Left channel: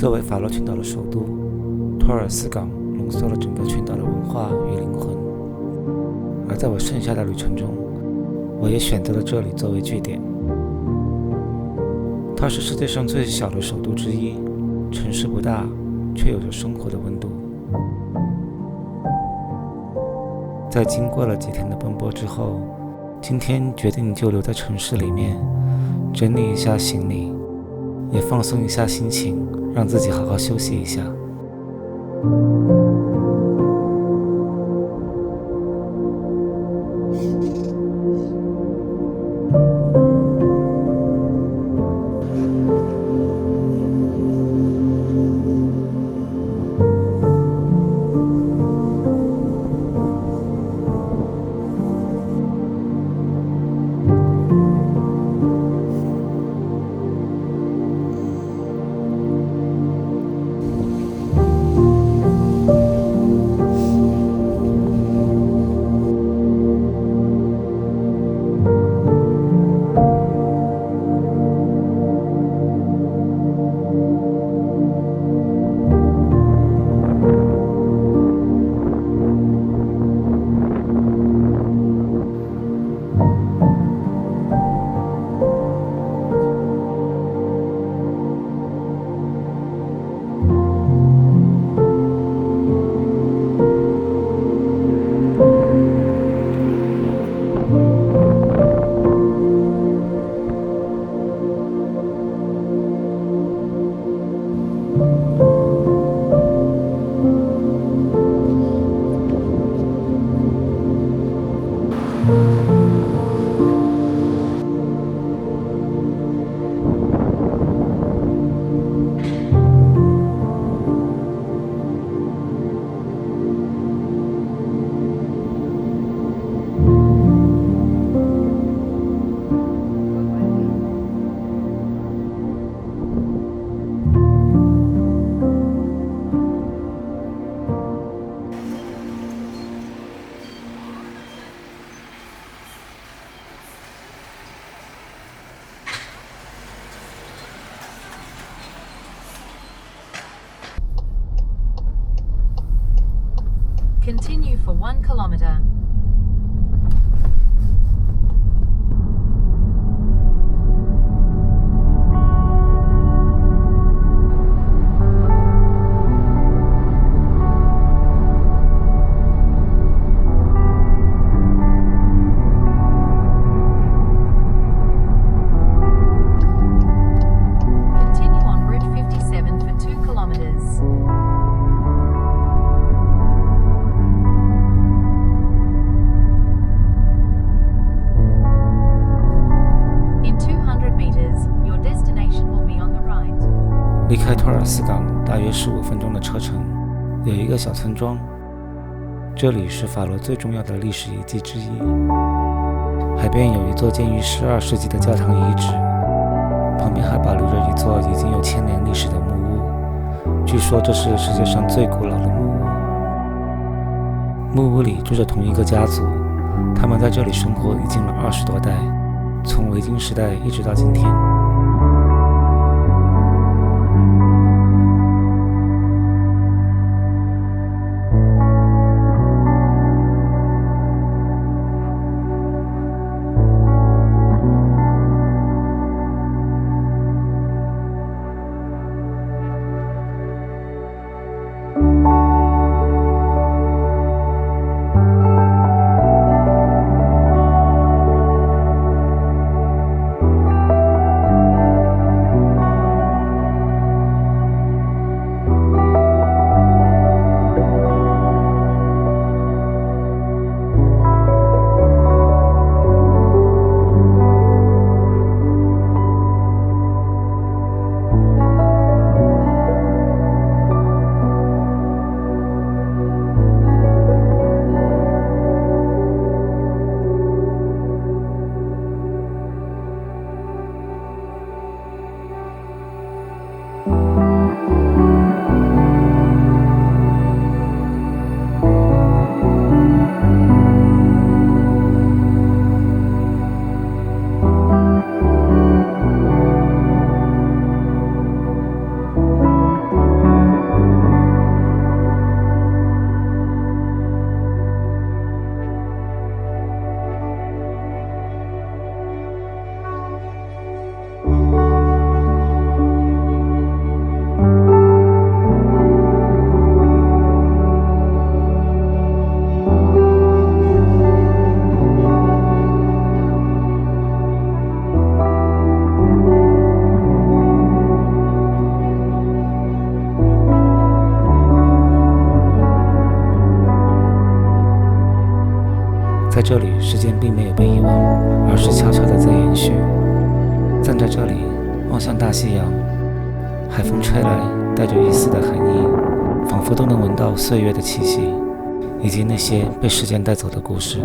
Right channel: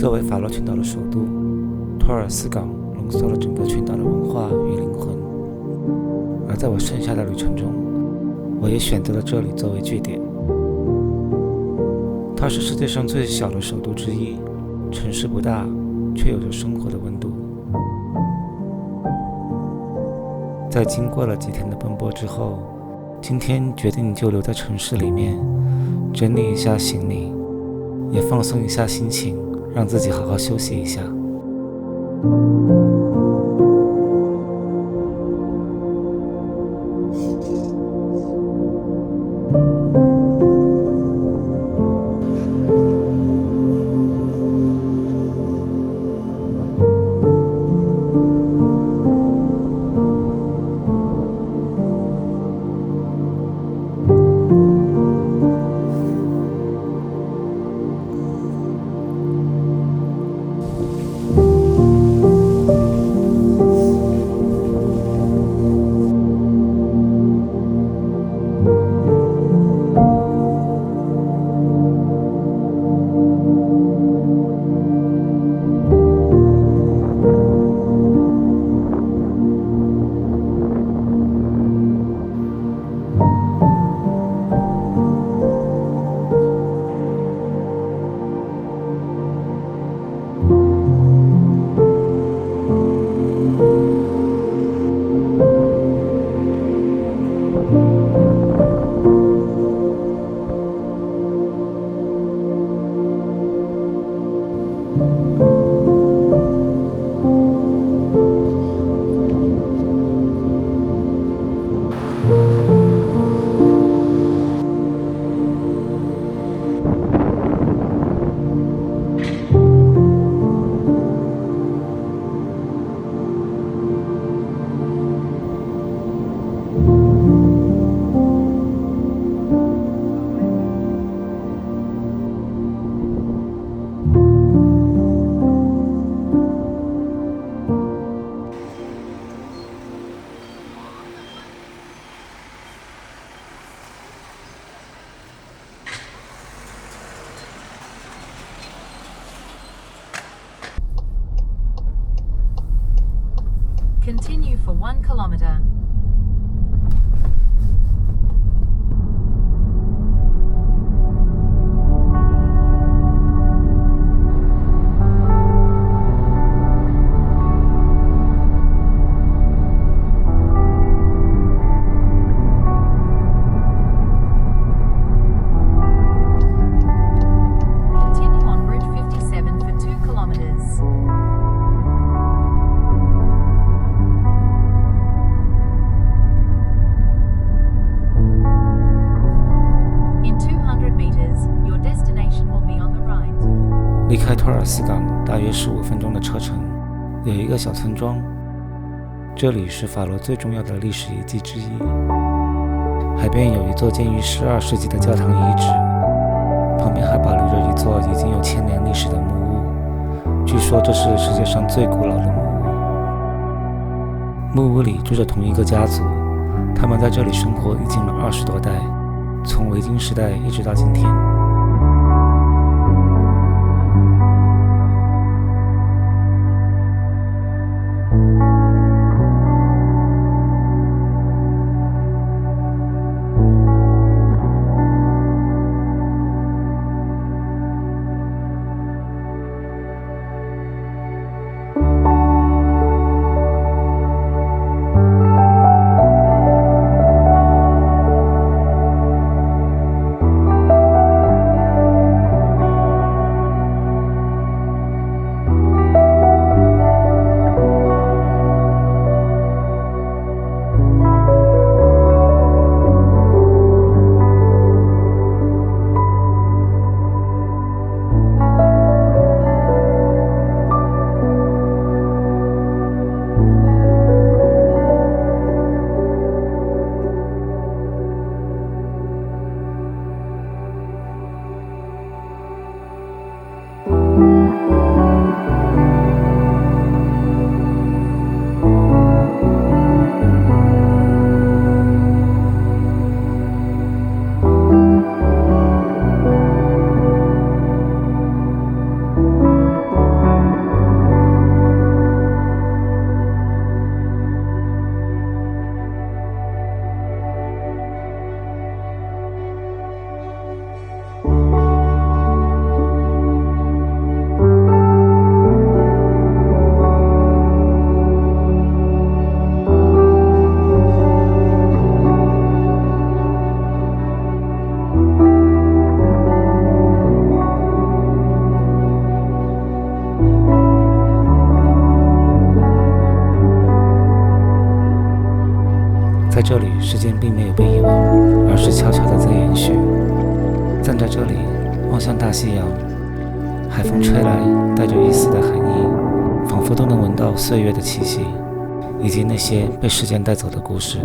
作为法罗群岛的首都，托尔斯港浓缩了整个群岛的文化与灵魂。而在我剩下的旅程中，我也选择了这里作为据点。它是世界上最小的首都之一，城市不大，却有着生活的温度。在经过了几天的奔波之后，今天决定就留在城市里面，整理一下行李，也放松一下心情，让自己好好休息一下。Continue for 1 kilometer. Continue on Route 57 for 2 kilometers. In 200 meters, your destination will be on the right. 离开托尔斯港大约15分钟的车程，有一个小村庄，这里是法罗最重要的历史遗迹之一。海边有一座建于12世纪的教堂遗址，旁边还保留着一座已经有1000年历史的木屋，据说这是世界上最古老的木屋。木屋里住着同一个家族，他们在这里生活已经了20多代，从维京时代一直到今天。在这里，时间并没有被遗忘，而是悄悄地在延续。站在这里，望向大西洋，海风吹来，带着一丝的寒意，仿佛都能闻到岁月的气息，以及那些被时间带走的故事。